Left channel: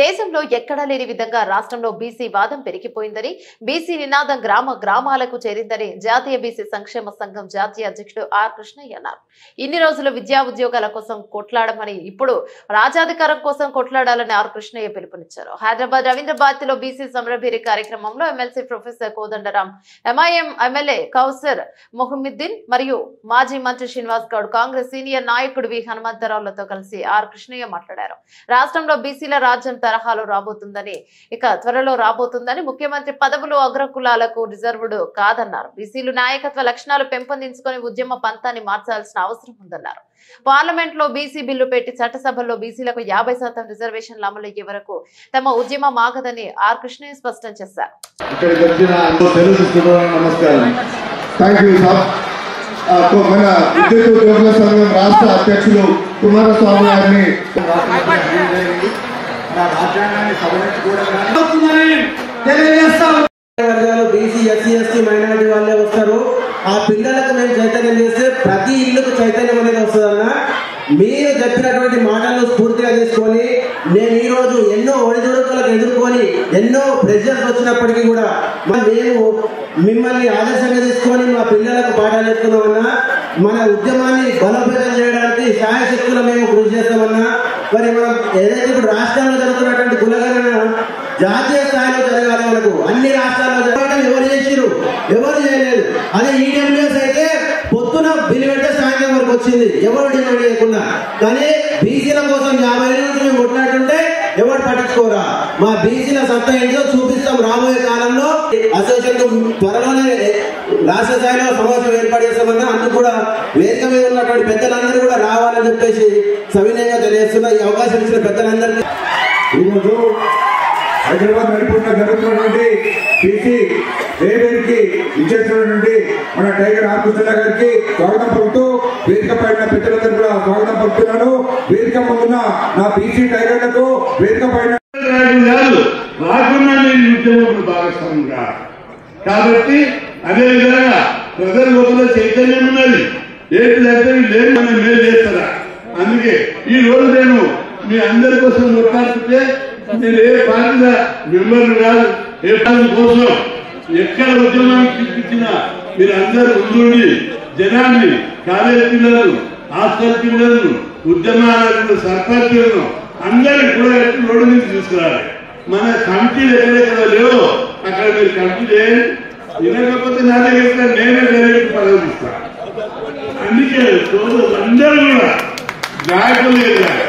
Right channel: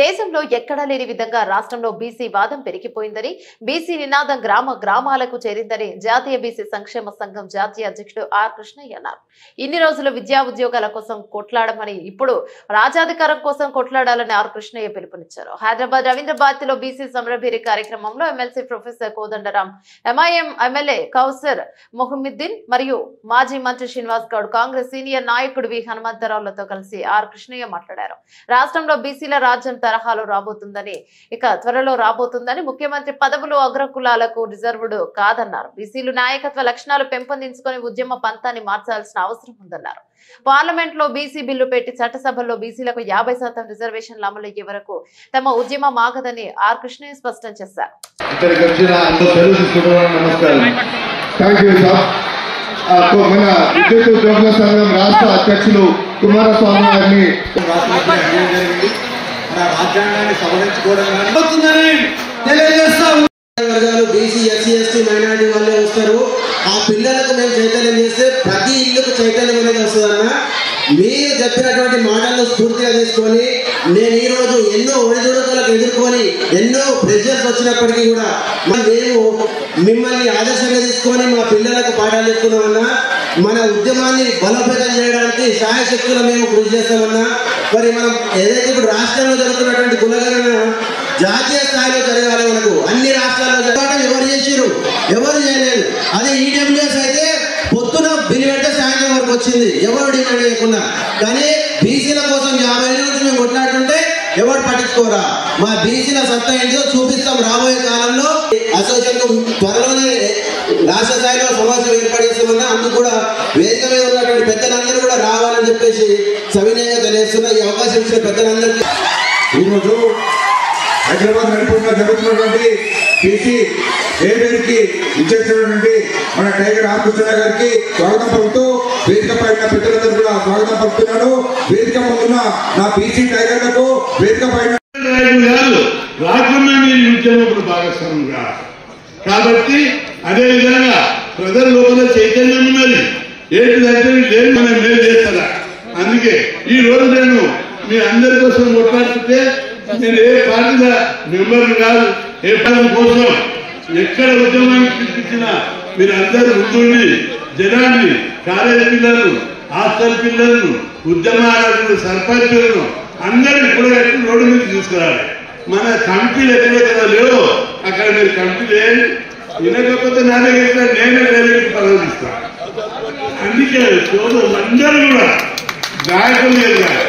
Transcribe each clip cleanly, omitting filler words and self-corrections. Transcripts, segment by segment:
దేశంలో ఎక్కడా లేని విధంగా రాష్ట్రంలో బీసీ వాదం పెరిగిపోయిందని, బీసీ నినాదం గ్రామాలకు చేరిందని జాతీయ బీసీ సంక్షేమ సంఘం జాతీయ అధ్యక్షుడు ఆర్ కృష్ణయ్య అన్నారు. ఇన్ని రోజులు విద్యా ఉద్యోగాల కోసం కొట్లాడమని, ఇప్పుడు రాజాధికారం కోసం కొట్లాడాలని ఆర్ కృష్ణయ్య పిలుపునిచ్చారు. హైదరాబాద్ రవీంద్ర లో బీసీ సమరభేరి కార్యక్రమంలో MLC professor Kodandaram, MIM MLA Kausar Mohiuddin మరియు మాజీ మంత్రి శ్రీనివాస్ గౌడ్, కాంగ్రెస్ సీనియర్ నాయకుడు వి హనుమంతరావులతో కలిసి ఆర్ కృష్ణయ్య మాట్లాడారు. రాష్ట్రంలో బీసీల రాజ్యం తరహాలో రాబోతుందని, ఇక త్వరలో రాబోతుందని, ముఖ్యమంత్రి పదవులు అగ్రకులాలకు రిజర్వ్డ్ కాదన్నారు. బీసీలు నాయకత్వ లక్షణాలు పెంపొందించుకొని ఉద్యమ పంతాన్ని మార్చాల్సిన అవసరం ఉందన్నారు. పార్లమెంట్ లో బీసీ బిల్లు పెట్టి చట్టసభల్లో బీసీలకు 50% రిజర్వేషన్లు అమలయ్యే వరకు తమ ఉద్యమం ఆగదని ఆర్ కృష్ణయ్య స్పష్టం చేశారు. మన విద్యుత్ ఉద్యోగుల సంఘం రాష్ట్ర అధ్యక్షులు కుమారస్వామి గారిని బీసీ ఎస్సీ ఎస్టీ మైనారిటీ వాళ్ళే వస్తారు. ఆ పిల్లలకు మేము చైతన్యం చేస్తే ప్రతి ఇళ్లకు చైతన్యం అనేది వస్తుందన్న. మీరు చెప్పినటువంటి మాటలను స్ఫూర్తిగా తీసుకొని నేను ఈరోజు ఎన్నో ఒడిదుడుకులకు ఎదుర్కొని ఎన్నో ప్రెషర్స్ వచ్చినప్పటికీ కూడా నేను మిమ్మల్ని ఆదర్శంగా తీసుకొని మా పిల్లలకు పాఠాలు చెప్తున్నామన్నా. మన ఉద్యమాన్ని బలోపేతం చేయడానికి సహాయశక్తులు మేము కృషి చేస్తామన్నా. మరి మనం ఏదైతే ఇప్పుడు రాష్ట్రంలో జరుగుతున్నటువంటి కులగణన జాతీయ స్థాయిలో జరగాలి. మనకు అన్ని రాష్ట్రాల్లో జరగడం ఎవరు చేసిరు, ఎవరు చేయలేదు. అదే ఈడబ్ల్యూఎస్ అయితే పొద్దున బిల్లు పెట్టే సాయంత్రం వరకు వచ్చింది, ఎవరు డిమాండ్ చేయకుండా. కానీ బీసీల కోసం 50 ఏళ్ళ నుంచి మేము కొట్లాడుతుంటే ఎవరు పట్టించుకోరా. మా బీసీల సత్తా ఏంటో చూపిస్తాం. రాబోయే కాలంలో అసోసియేషన్ త్వరలోనే రాష్ట్ర స్థాయిలో సమావేశం ఏర్పాటు చేస్తామన్నా. అందుకు కూడా వేదిక మీద ఉన్నటువంటి పెద్దలందరూ కూడా రావాలని చెప్పేసి సవినయంగా తెలియజేస్తున్నా. ఈ అవకాశం ఇచ్చిన పెద్దలందరికీ ఈరోజు హైదరాబాద్ నడిపోతున్న జరుగుతున్నటువంటి బీసీ ఏవేదికి ఇచ్చేసినటువంటి మన టైగర్ ఆర్ కృష్ణ గారికి స్వాగతం పలుకుతూ వేదిక పైన పెద్దలందరూ కూడా స్వాగతం పలుకుతున్నాను. వేదిక ఉన్న నా బీసీ టైగర్లకు వేదిక పైన ఉద్యమంలో భాగస్వాముగా కాబట్టి అదేవిధంగా ప్రజల లోపల చైతన్యం ఉన్నది. ఏంటిదంటే లేదు మనం మేలు చేస్తారా. అందుకే ఈ రోజు నేను మీ అందరి కోసం కొట్లాడుతుంటే నేను ఏ పార్టీ మెంబర్ కాదు, ఏ పార్టీ కోసం ఎక్కడ ఉద్యమానికి పిలిపించినా మీరు అందరూ ఉండి జనాన్ని, కాలేజీ పిల్లలను, హాస్టల్ పిల్లలను, ఉద్యమాలను, సర్పంచులను అందరినీ కూడా రోడ్డు మీద తీసుకురావాలి. మన కమిటీలు ఎక్కడెక్కడ లేవో అక్కడ మీరు కమిటీ చేయండి. వినకపోతే నా దగ్గర నేనే డైరెక్ట్ పదవులు ఇస్తాను. అందుకే అందరూ కూడా నాయకులు ఎదగాలి,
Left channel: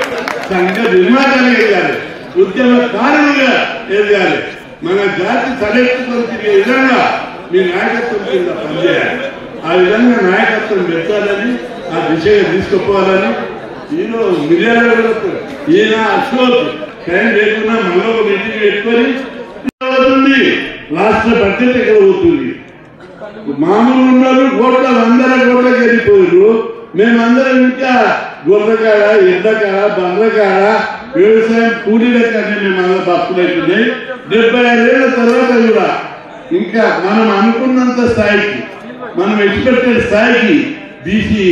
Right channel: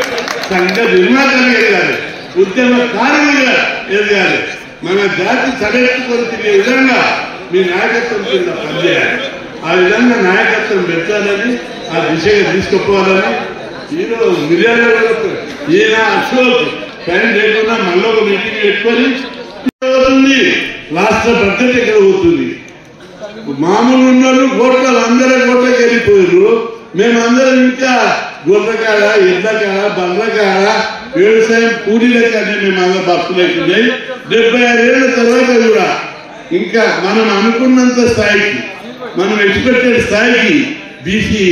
సంఘ నిర్మాతలు ఎదగాలి, ఉద్యమకారులుగా ఎదగాలి. మన జాతి తలెత్తుకొని తిరిగే విధంగా మీ నాయకత్వం కింద పనిచేయాలి. ఆ విధంగా నాయకత్వం పెంచాలని, ఆ దిశగా తీసుకుపోవాలని ఈరోజు మిర్యాల ఈయన అశోక్ టైం లేకుండా మళ్ళీ ఒక మీటింగ్ పెట్టుకొని అవుతుంది. రాష్ట్ర బడ్జెట్ ఎక్కడ అవుతుంది. మామూలు ఉన్నారు కోట్ల అందరూ కోట్లకి వెళ్ళిపోయారు. మేమందరం ఇంకా గొర్రెకాడ, ఎడ్లకాడ, బండ్లకాడ, వ్యవసాయం కూలీలకాడ మేమందరం భక్తులు అవుతున్నాయి. 75 ఏళ్ల తర్వాత కూడా ఇంకా మనం అనుకున్నంత స్థాయికి, మనం ఎక్స్పెక్టెడ్ స్థాయికి బీసీ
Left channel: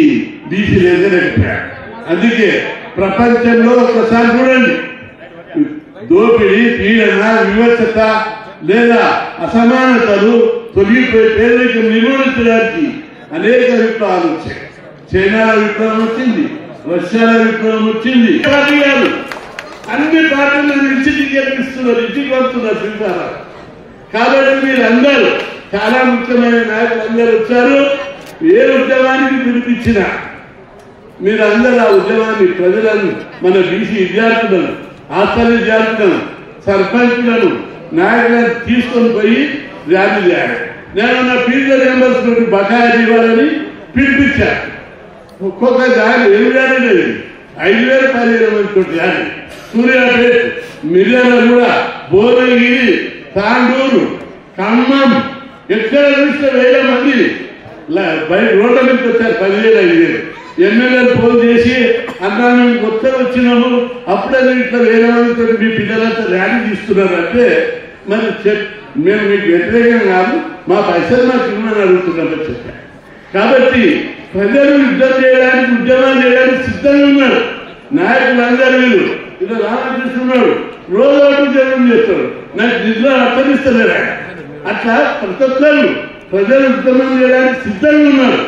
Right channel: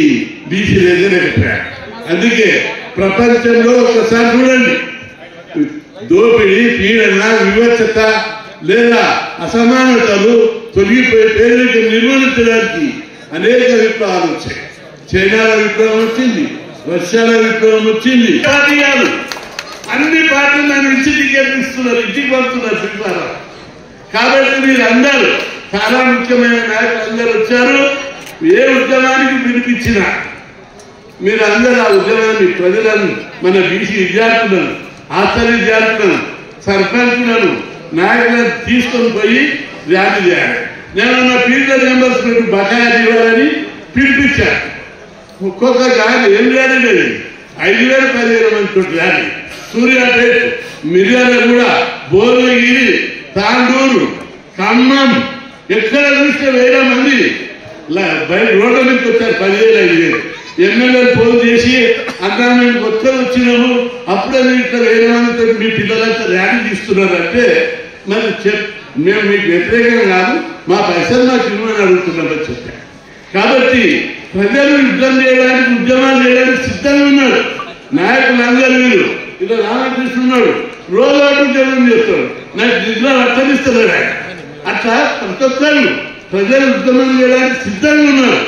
ఎదగలేకపోయారు. అందుకే ప్రపంచంలో ఒకసారి చూడండి, దోపిడీ, పీడన, వివక్షత లేదా అసమానతలు తొలగిపోయి పేదరికం నిర్మూలించడానికి అనేక విప్లవాలు వచ్చాయి. చైనాల విప్లవం వచ్చింది, రష్యాల విప్లవం వచ్చింది. పార్టీ కాదు, అన్ని పార్టీలు నన్ను ఇంటికి గెలిపిస్తున్నారు, ఇంటికి పడుతున్నారు చూపారు. కాబట్టి మీరందరూ చాలా ముఖ్యమైన నాయకులు అందరూ వచ్చారు. ఏ ఉద్యమానికి పిలిపించినా మీరందరూ ఆ ఉద్యమాన్ని, ప్రజలను, మన బీసీ విద్యార్థులను, హాస్టల్ విద్యార్థులను, సర్పంచులను, నాయకులను తీసుకొని పోయి ర్యాలీ చేయాలి. నేను నా పీరియడ్ మెంబర్స్ పెట్టి బకాయిలు ఇవ్వాలని పిలిపించాను. ఒక్కొక్క ర్యాలీ ఏం ర్యాలీ లేదు, 5,000 10,000 మంది ర్యాలీ. సూర్యాపేట, మిర్యాల కూడా, భువనగిరి, తాండూరు, ఖమ్మం ఎక్కడ చూస్తే 1000 మంది బయట రోడ్ల మీదకి వచ్చారు. 10,000 5,000 ఎమ్మెల్యేలు ఫోన్ చేసి అన్నా మేము కొత్త వచ్చినాము, అప్పుడే ఇట్లా 1000 మందితో మీ పిల్లలంతా ర్యాలీ తీస్తున్నారంటే మరి మేము మీకు వ్యతిరేకంగా కాదు, మా పైసలు మాకు ఇవ్వమని అడుగుతున్నామని చెప్పారు. కాబట్టి ప్రజలు యుద్ధం చేయడానికి, ఉద్యమాలు చేయడానికి సిద్ధంగా ఉన్నారు నాయకులందరూ. వీళ్ళు ఇలా రామకృష్ణుడు రోజు ఉద్యమం చేస్తాడు, నాకు జిల్లా అర్థమిస్తలేడు ఆయన. అట్లా ప్రతి ఒక్కరు ప్రజలు ఉద్యమం చేయడానికి సిద్ధంగా ఉన్నారు.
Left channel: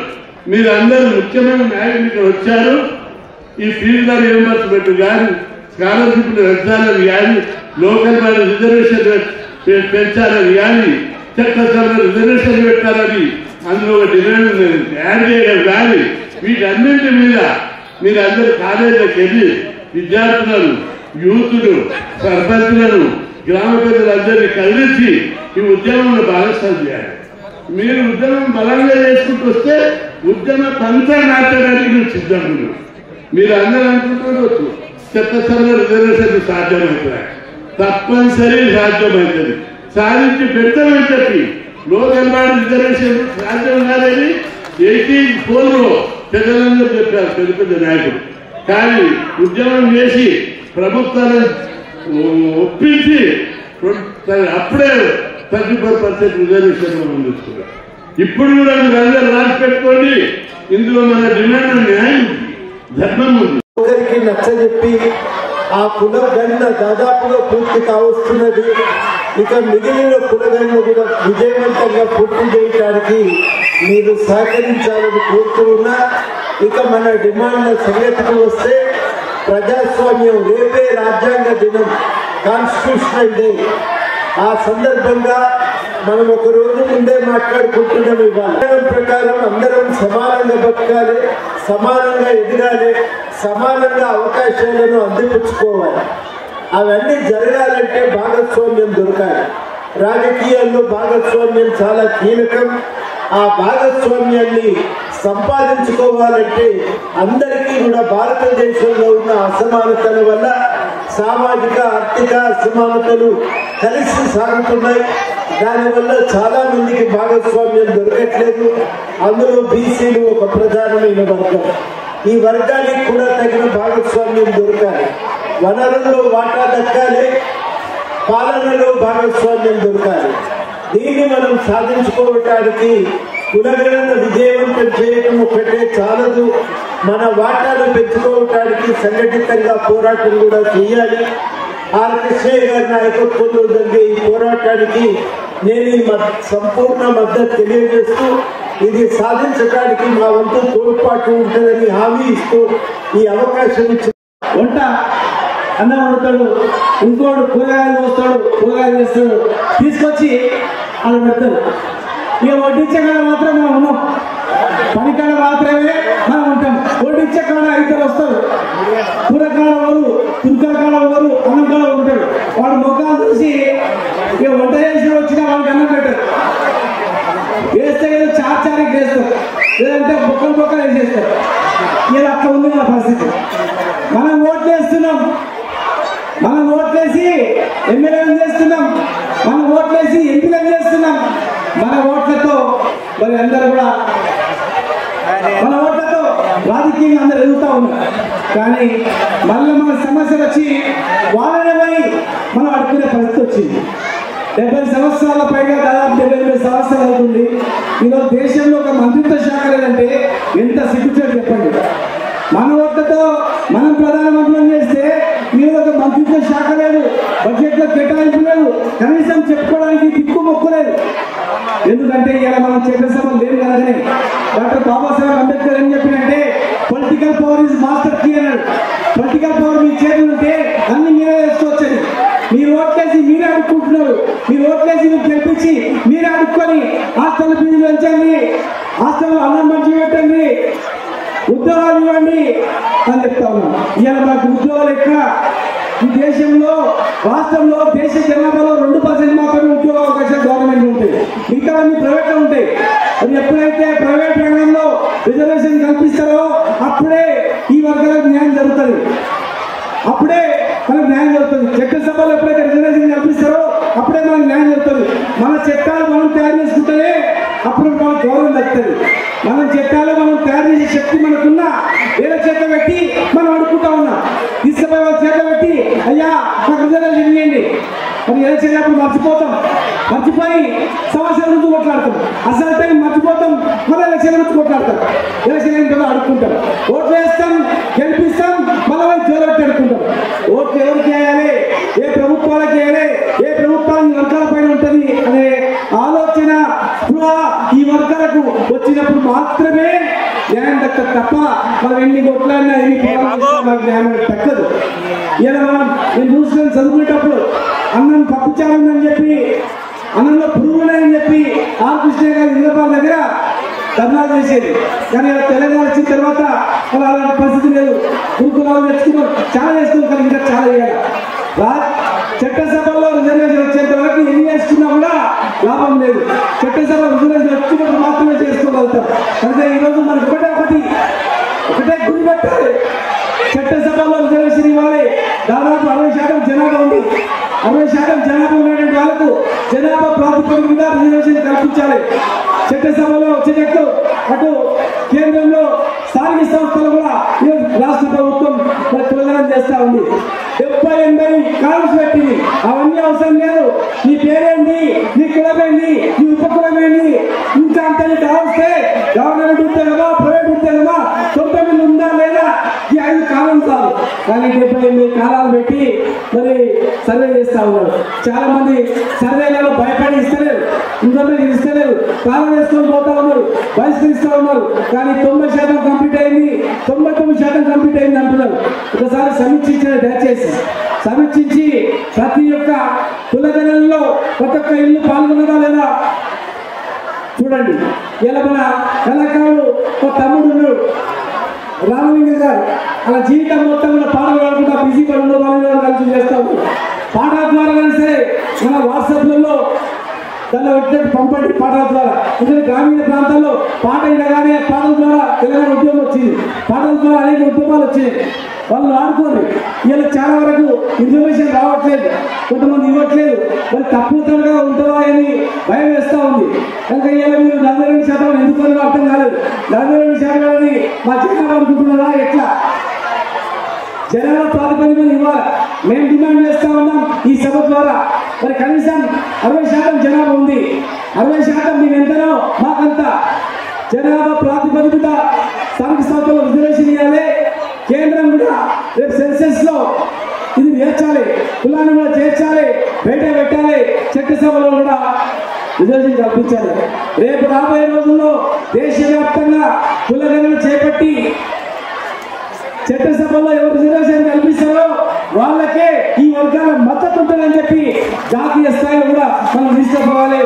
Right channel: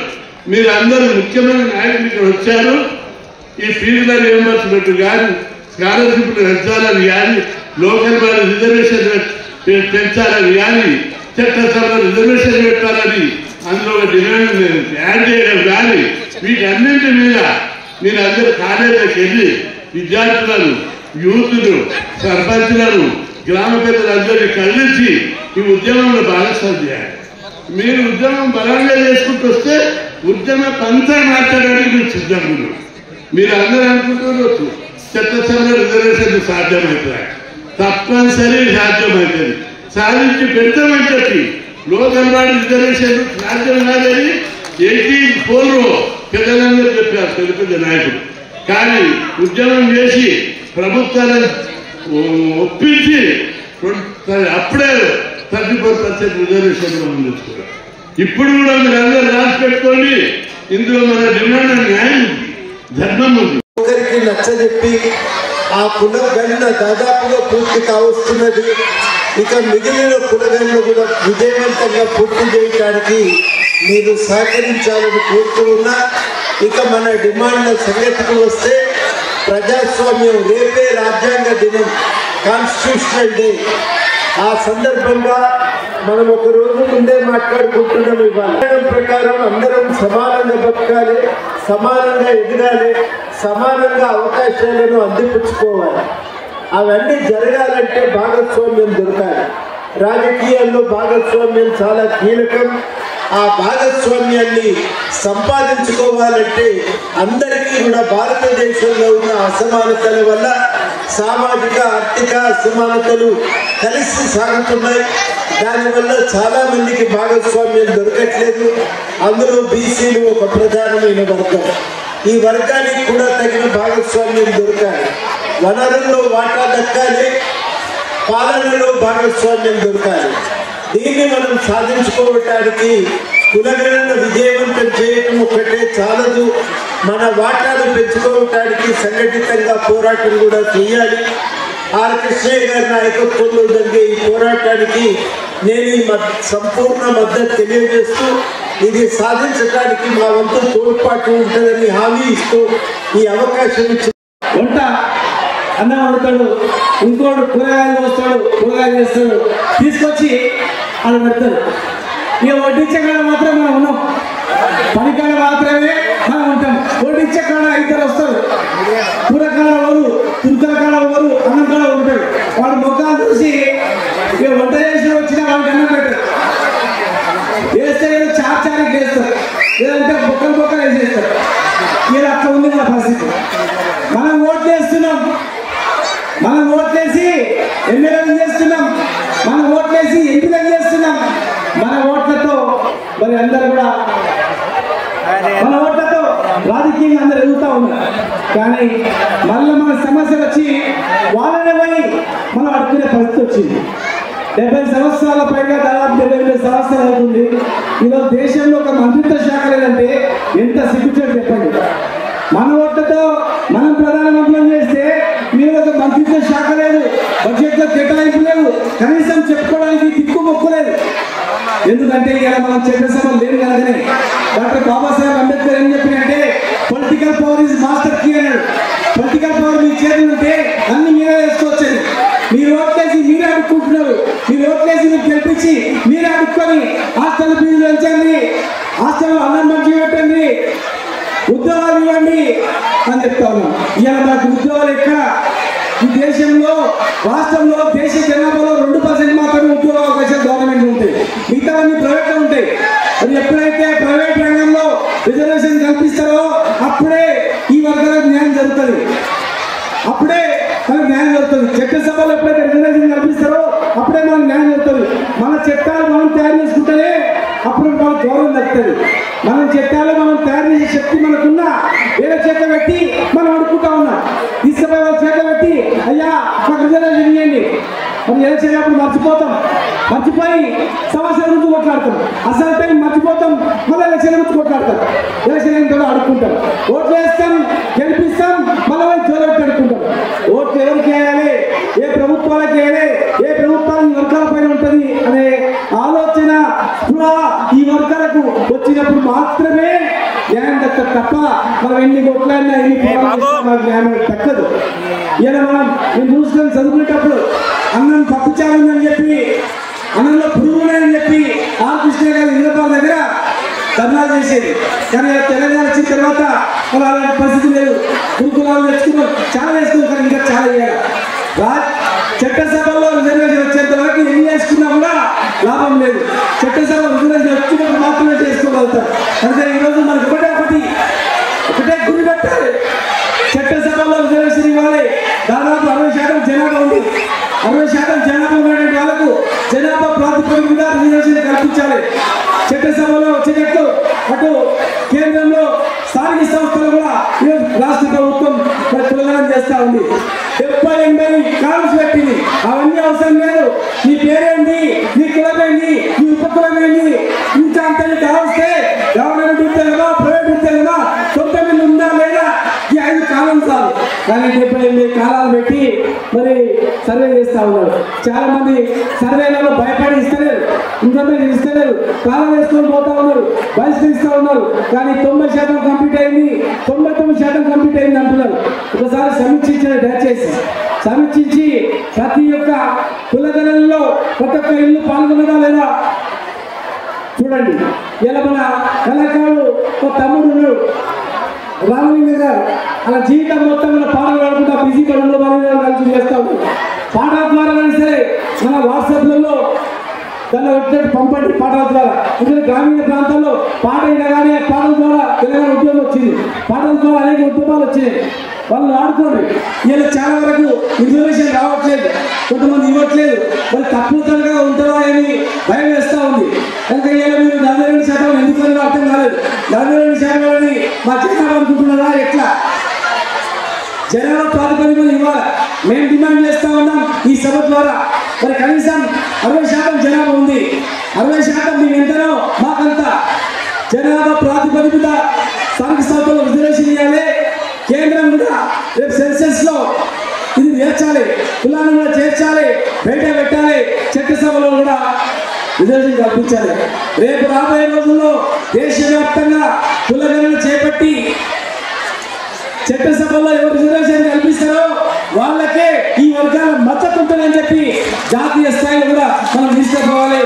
మీరు అందరూ ముఖ్యమైన నాయకులు ఇక్కడ వచ్చారు. ఈ ఫీజుల రియంబర్స్మెంట్ కానీ, స్కాలర్షిప్లు పెంచాలని కానీ, లోకల్ బాడీ రిజర్వేషన్ పెంచాలని కానీ, చట్టసభలో రిజర్వేషన్ పెట్టాలని అందులో ఒక డిమాండ్ యాడ్ చేయడం కానీ, వీటన్నింటి మీద మీరు అందరూ కాలేజీలకు వెళ్ళి విద్యార్థులను, యూత్ను, సర్పంచులను, గ్రామ పెద్దలందరినీ కలిసి ఈ ఉద్యమంలో భాగస్వామ్యం చేయాలి. మీరు ఉద్యమం బలంగా చేసుకుంటూ వస్తే ఉద్యమ పంత మాట్లాడడానికి మీరు సిద్ధంగా ఉన్నారు. మీరు అందరూ అనుకుంటున్నారు చట్టసభలో రిజర్వేషన్ సాధ్యమవుతుంది, తప్పనిసరి సాధ్యమవుతుంది, సాధించి పెడతామని చెప్పి లోకల్ బాడీ రిజర్వేషన్ సాధ్యం కాదని 84లో పెద్దలందరూ చెప్పారు తెలుగు నాయకుడు. కానీ ఉద్యమం చేసి ప్రభుత్వాలను ఒప్పించి అప్పుడే 34% రిజర్వేషన్ మనం తెచ్చుకున్నాం. ఇప్పుడు కూడా మీరు అందరూ రాసి పెట్టుకోండి, ఇందులో మన డిమాండ్ న్యాయం ఉంది, ధర్మం ఉంది. ఒకరికి నచ్చజెప్పి ఆ పునర్గణన దాదాపుగా పూర్తి కావస్తున్నది. ఇక మిగిలిన పునర్గణన కూడా విజయవంతంగా పూర్తి చేయడానికి మీరు సహకరించాలని కోరుతున్నా. ఇక మన డిమాండ్ల సంగతికి వస్తే ప్రజాస్వామ్యం రేపే రాజ్యాంగ దినం, కాన్స్టిట్యూషనల్ డే. ఆ సందర్భంగా మనం ఒక రోజు ముందే మాట్లాడుకుంటున్నాం. ఇవాళ ప్రకారం అందరం సమానంగా బతకాలి, సమానంగా ఎదగాలి, సమానంగా అవకాశాలను అందిపుచ్చుకోవాలి. అవన్నీ జరగాలంటే భాగస్వామ్యం దొరకాలి. రాజకీయాల్లో భాగస్వామ్యం చాలా కీలకం. ఆ భాగస్వామ్యాన్ని సంపాదించుకోవాలంటే అందరికీ కూడా భారతదేశంలో ఉన్న అసమానతల వల్ల సామాజిక ఆర్థిక అసమానతలు కలిసి సాగుతున్నాయి. దానివల్ల చాలా మందికి భాగస్వామ్యం దొరకట్లేదు. అందులో బీసీలు ఒక ప్రధానమైన వర్గం. ఈ వర్గానికి కూడా తగిన భాగస్వామ్యం దొరకాలి. వనరుల్లో వాటా దక్కాలి, పాలనలో భాగస్వామ్యం దొరకాలి. దీన్ని మనం సాధించుకోవడానికి కులగణన విజయవంతం చేయడం ఒకటే చాలదు. మన వాటాను పెంచుకోవడానికి సంఘటితంగా పోరాటం కూడా చేయాలి. ఆర్ కృష్ణయ్య గారి నాయకత్వంలో జరిగే ఈ పోరాటానికి నేను ఈ సంపూర్ణ మద్దతు తెలియజేస్తూ ఇది సాధించడానికి మా వంతు తోడ్పాటు ఉంటుందని హామీ ఇస్తూ ఈ అవకాశం ఇచ్చి వంట అన్నం వండుతాడు, ఇంకోడు కూరగాయలు వస్తాడు, కూరగాయలు చేస్తాడు, తీసుకొచ్చి వాళ్ళు పెడతాడు. ఇక వడ్డించే కాడ మాత్రం మనం ఉన్నాం, పనికాడ మాత్రమే మనం ఉంటాం. వడ్డించే కాడ ఇద్దరు వస్తారు, కూరకాడ ఊరు, తుర్కల కాడ ఊరు, అన్నం కాడ ఉంటాడు. వాడు మొగ్గాలు చూసి ఇక వంట చేసి వచ్చిన వాడిని అన్నం పెట్టారు. వేస్తే చార్చారికి చేస్తారు, లేదంటే బొక్క వేసేస్తారు. ఇక అక్కడ ఉంది నా పరిస్థితి. మనం ఓట్లు వేస్తున్నాం, మనం ఓట్లేసి ఎమ్మెల్యేలు చేస్తున్నాం, మనం ఓట్లేసి ఎంపీలు చేస్తున్నాం. మన ఓట్లతో మరి అందరూ కూడా మన ఓట్లతో రాజకీయంగా అందరూ ఎదుగుతూ ఉన్నారు. కానీ మళ్ళీ మన సమస్యలు వచ్చి వాళ్ళని మనం అడుగునే పరిస్థితి వచ్చింది. 70 సంవత్సరాల పైగా దాదాపు 78 సంవత్సరాలు అవుతుంది. ఈరోజు దేశంలో ఒక మంత్రిత్వ శాఖ లేదంటే ఎంత సిగ్గుతో చెప్పండి. మన ఓట్లతో మనం ప్రధానమంత్రులను చేస్తే మీరు ఒక మంత్రిత్వ శాఖ లేదు, బడ్జెట్లో కేటాయింపు లేదు, కనీసం చెప్పుకోవడానికి దిక్కు మొక్కలేదు. ఎందుకంటే ఇలా మనం చేసిన లేదు కదని డాక్టర్ బాబాసాహెబ్ అంబేద్కర్ ఏం చెప్పినంటే political power is master key అన్నాడు. పొలిటికల్ పవర్ మీ చేతులు ఉంటే అన్ని మీరే వేసుకోవచ్చేది. మీరు ఓట్లేసి మీరే అడుక్కుంటున్నారు, మీరు ఓట్లేసి మీరు తెప్పించి మీరే అడుక్కొని హాస్టల్ ఫీజులు వచ్చండి, హాస్టల్ అన్నం మంచిగా పెట్టండి, ఉద్యోగాలు ఇవ్వండి అని చెప్తా ఉన్నాం. ఇవాళ దానికి ఉద్యోగాలు ఎక్కడ? ఈ దేశంలో రాష్ట్రంలో దేశ జనాభాలో 2% మాత్రమే ఉద్యోగ అవకాశాలు గవర్నమెంట్ ఉంటాయి, మిగతా ప్రైవేట్ ఉంటాయి. అది ఎప్పుడైతే ప్రైవేట్ రంగంలో రిజర్వేషన్ కల్పిస్తారో అప్పుడే ఈ వర్గాలకు న్యాయం జరుగుతుంది, అప్పుడే మనకు న్యాయం జరుగుతుంది. చట్టసభలో ఎప్పుడైతే రిజర్వేషన్ కల్పిస్తారో అప్పుడే మనకు న్యాయం జరుగుతుంది. మన చట్టాలు మనం తయారు చేసుకుంటే అప్పుడు మనకు గౌరవం దక్కుతుంది. మనం చట్టాలు మనం తయారు చేసే శక్తి మనకున్నా వేరే చేత పెట్టి మనం అనుకుంటా ఉన్నాం. తీసుకుపోయి చేత పెట్టి అయ్యా మాకు రిజర్వేషన్ చేయండి మరి ఎలా చేసినప్పుడు మర్చిపోతాం, మర్చిపోయి సమస్య గురించి కొట్లాడతాం, అసలు మర్చిపోతాం, మళ్ళీ ఎలక్షన్ గురించి కొట్లాడతాం, ఎలక్షన్ కూడా ఆడుకుంటాం, ఓట్లు వేస్తాం గెలిపిస్తాం, మళ్ళీ జోరు పెట్టి అనుకుంటాం. ఓట్లు ఏ ప్రభుత్వానికి వర్గాల పైన ఉంటుంది అనే ఆలోచన ఈ వర్గాలకు వచ్చినప్పుడు మాత్రమే న్యాయం దక్కదు తప్ప మనం ఎన్ని ఒక్కైనా న్యాయం దక్కదు. ఇలా మనం నేను చూసుకొని చదువుకునేటప్పుడు అన్నం పప్పుచాలని చెప్పి అన్నంలో పురుగులని చెప్పి ఆ కృష్ణ గారి ఇంద్రబాబు దగ్గర ధర్నా చేసేది. కానీ తెలంగాణ వచ్చిన తర్వాత అలాంటి పరిస్థితి లేదు. పురుగులు తెచ్చుకో చాలా వేసుకోవాలి, ఇంకా చాలా చేయాలి. చట్టసభలో వచ్చేంత వరకు ఎన్ని చేసుకున్నా కూడా లాభం లేదు. చట్టసభ వచ్చినప్పుడు మాత్రమే చేసుకోగలుగుతాం. అందుకే ఈరోజు మనకు ఒకటే గురి పెట్టాలి. చట్టసభలో రిజర్వేషన్ ఇవ్వాలి. దాదాపు 60% జనాభా ఉంది. 60% జనాభా ఉండే వాళ్ళకు జనాభా ప్రాతిపదిక రిజర్వేషన్ కల్పించాలి. చట్టసభలో వచ్చేటట్టు అటు కేంద్రంలో స్థానిక సంస్థలు కూడా రాష్ట్ర ప్రభుత్వం ప్రచారం చేస్తా ఉంది. 70-80 కాల్స్ పెట్టింది. అవన్నీ అవసరం లేదు. నీ పేరేంటి, నీ కులమేంటి, నీ ఉపకులమేంటి, ఇంకా అంతే వస్తే గవర్నమెంట్ ఉంటేవా ప్రైవేట్ ఉంటేవా 9 ఉందా లేదా ఈ 5 కాలం కాదు. కానీ 70-80 కాలాలు పెట్టి మరి సర్వే చేస్తా ఉన్నారు. చాలా మంది సర్వేలలో భయపడి ఇస్తలేరు, ఇంటర్వ్యూ ఇస్తలేరు, కాలం వేసుకొని పోతా ఉన్నారు, బహిష్కరిస్తా ఉన్నారు. కానీ 90% కంప్లీట్ అయింది, 99% కంప్లీట్ అయింది అంటున్నారు. ఒకసారి సమీక్షించారు, దయచేసి సమీక్షించి ప్రతి ఒక్క కులగలలో ఒక్కొక్క ఇల్లు పాల్గొనదా లేదా చూడండి. ఇలా మన కళాకారుడు ఒక తమ్ముడు రామలింగ గారు మన జీవితం మొత్తంలో పాల్గొనకుండా బిజీ కలిసి చేస్తా ఉన్నారు. పాటల ద్వారా సరే మన వాట్సాప్లలో దాన్ని పంపండి. పాటల ద్వారా ఎందుకంటే గ్రామీణ ప్రాంతంలో పాట కానీ పాటల ద్వారా తెలంగాణ ఉద్యోగం వచ్చింది. పాటల ద్వారా అనేక ఉద్యమాలు వచ్చినాయి. వాళ్ళు వాడుకోండి. ఇలా చాలా వరకు ఇన్ఫర్మేషన్ రావట్లేదు, కొంతమంది ఇవ్వట్లేదు. మరి తప్పుగా ఉంటుందా అని భయం వేస్తా ఉంది. కనుక ఇలా మీరు 42% ఎందుకు అర్థం కాలేదు. 42% మా జనాభా అనుకుంటున్నారా ఎట్లా? జనాభా ప్రాతిపదికన ఇవ్వాలి. మేము డిమాండ్ చేస్తా ఉన్నాం ఈ సభ ద్వారా. మరి కనీసం 60% జనాభా ఉంది. 60% మీ ఎందరో మాకంతా జనాభా ప్రాతిపదికన స్థానిక సభలో రిజర్వేషన్ ఇవ్వాలి. కేంద్రం రేపు సెన్సెస్ లో ఇది నేర్చాలి, కులాలను చేర్చాలి, పెట్టాలి. చట్టసభలో కూడా రిజర్వేషన్ కల్పించాలి. రేపు రాబోయే రోజుల్లో దేశవ్యాప్తంగా కులగణన చేపట్టి చట్టసభలో ఎవరు రిజర్వేషన్ కల్పిస్తారో వాళ్ళకే ఈ వర్గాల మద్దతు ఉంటుందని చెప్పి జాతీయ స్థాయిలో కూడా మనం తీసుకోవాలి.